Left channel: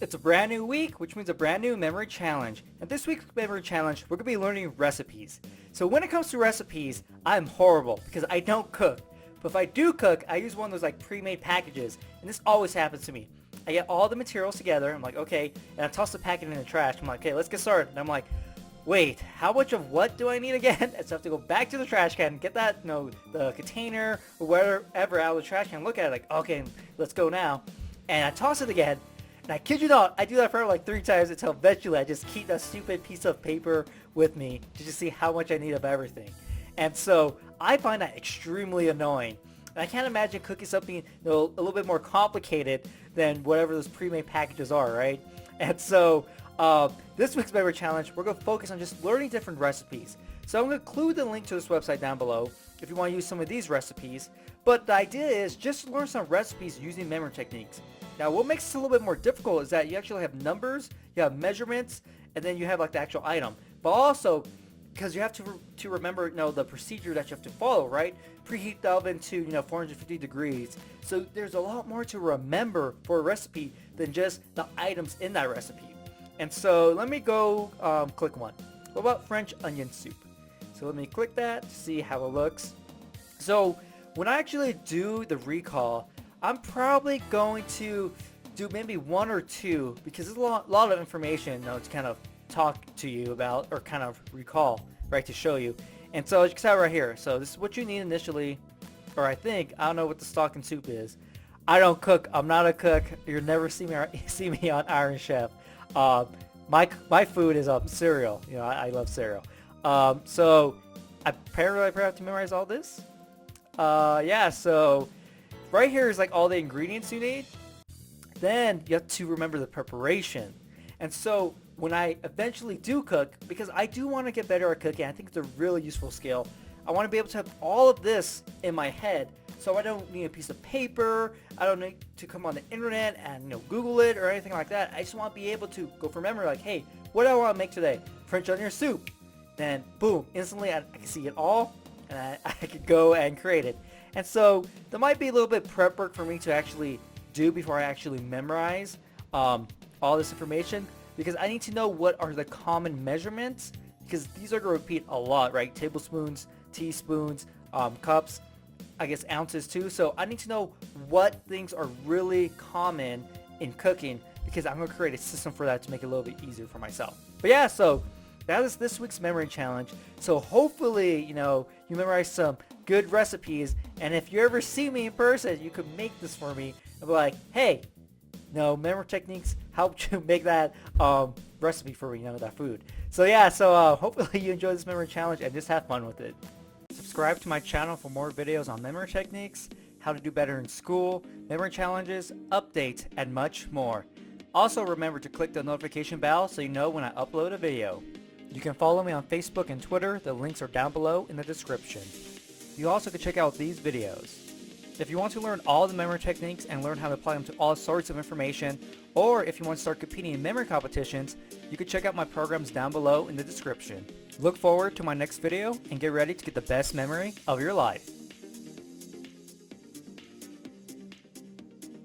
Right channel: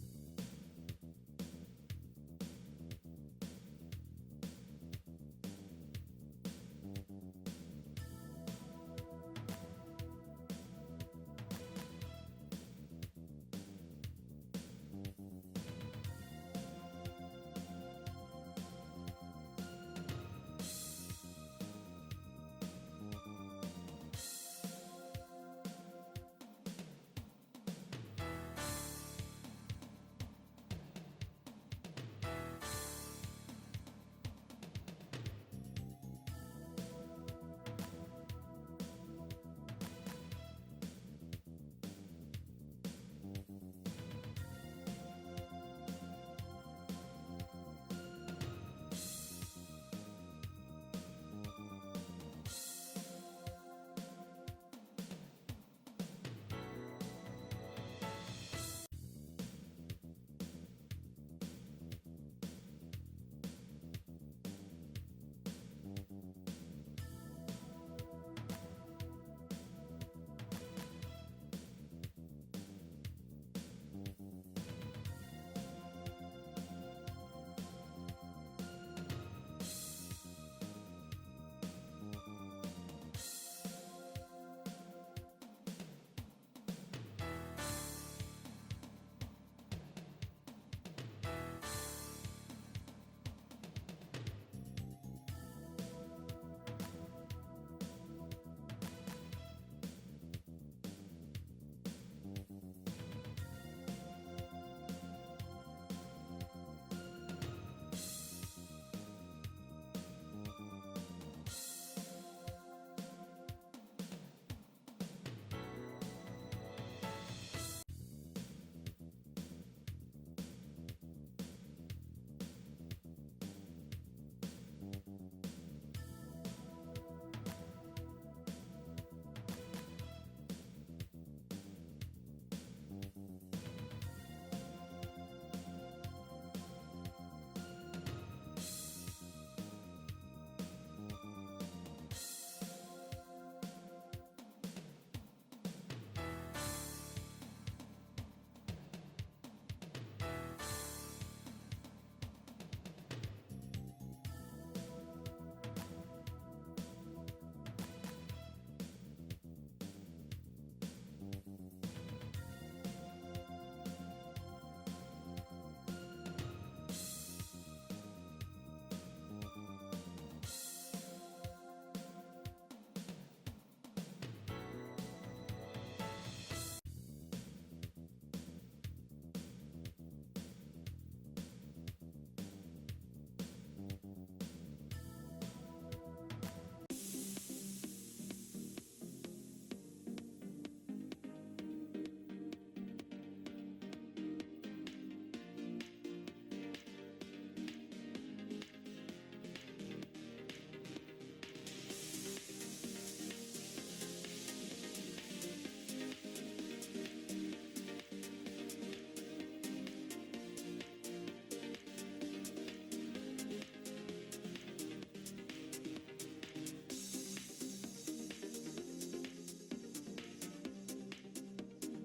It's a brand new week, which means a brand new memory challenge. And this week's memory challenge, we're going to be learning recipes. So when it comes to recipes, I'm horrible because I don't cook. But if I do cook, I use one of those like pre-made packages. And this always happens to me. I get all the materials together. I'm like, okay. And I toss the packet in the trash. I'm like, okay, let's get started. And I'm like, wait, how much of what do I need again? And so I have to go back to the trash can, get that, the container or whatever out of the trash can, look at it like, okay, let's go now. And I toss it again. And I kid you not, I do that for like 3 times until eventually I just keep that stupid piece of paper with me to just see how much I need of everything. And so I find that extremely annoying. And I can't imagine cooking something a little bit more complicated than whatever those pre-made packages are, right? And so this week's memory challenge, we're going to focus on just learning different recipes. So I'm going to include the link to this website down below if you want to use some of these recipes. But the idea is just to learn some recipes using memory techniques. Now what makes this a little bit more difficult is that you actually have numbers, you have measurements, and then you have like the actual item. But also, because you have to remember the procedure that you have to follow, right? Preheat the oven to 450 degrees. So there's a lot more to remember for a recipe than just the items in that recipe. And so let me go click one. What about French onion soup? So let me click that to see how it looks. So when I actually do the recall, I'm probably going to do maybe 1 or 2 because there's a lot of information to kind of talk to you about or kind of recall, right, to show you. And so as you can see right here, so this is what you need initially, or I don't know what the stock and soup is. I don't cook. I'm not a cook. You'll never see me on Iron Chef. My food is cereal. I love cereal. So apparently I probably have to memorize all this. Yeah, so right here is like all the ingredients you need. Then you have to remember the preparation. And so when I eventually do cook, because I do want to get better at cooking, I think it's a really useful skill. I want to be able to have all of this in my head, so I don't need a piece of paper. I don't need to come on the internet and Google it or anything like that. I just want to be able to go from memory, like, hey, what do I want to make today? French onion soup. Then boom, instantly I can see it all, and I could go and create it. And so there might be a little bit prep work for me to actually do before I actually memorize all this information, because I need to know what are the common measurements, because these are going to repeat a lot, right? Tablespoons, teaspoons, cups, I guess ounces too. So I need to know what things are really common in cooking, because I'm going to create a system for that to make it a little bit easier for myself. But yeah, so that is this week's memory challenge. So hopefully, you memorize some good recipes, and if you ever see me in person, you could make this for me and be like, hey, memory techniques helped you make that recipe for me, that food. So yeah, so hopefully you enjoy this memory challenge and just have fun with it. Subscribe to my channel for more videos on memory techniques, how to do better in school, memory challenges, updates, and much more. Also remember to click the notification bell so you know when I upload a video. You can follow me on Facebook and Twitter. The links are down below in the description. You also can check out these videos. If you want to learn all the memory techniques and learn how to apply them to all sorts of information, or if you want to start competing in memory competitions, you can check out my programs down below in the description. Look forward to my next video and get ready to get the best memory of your life.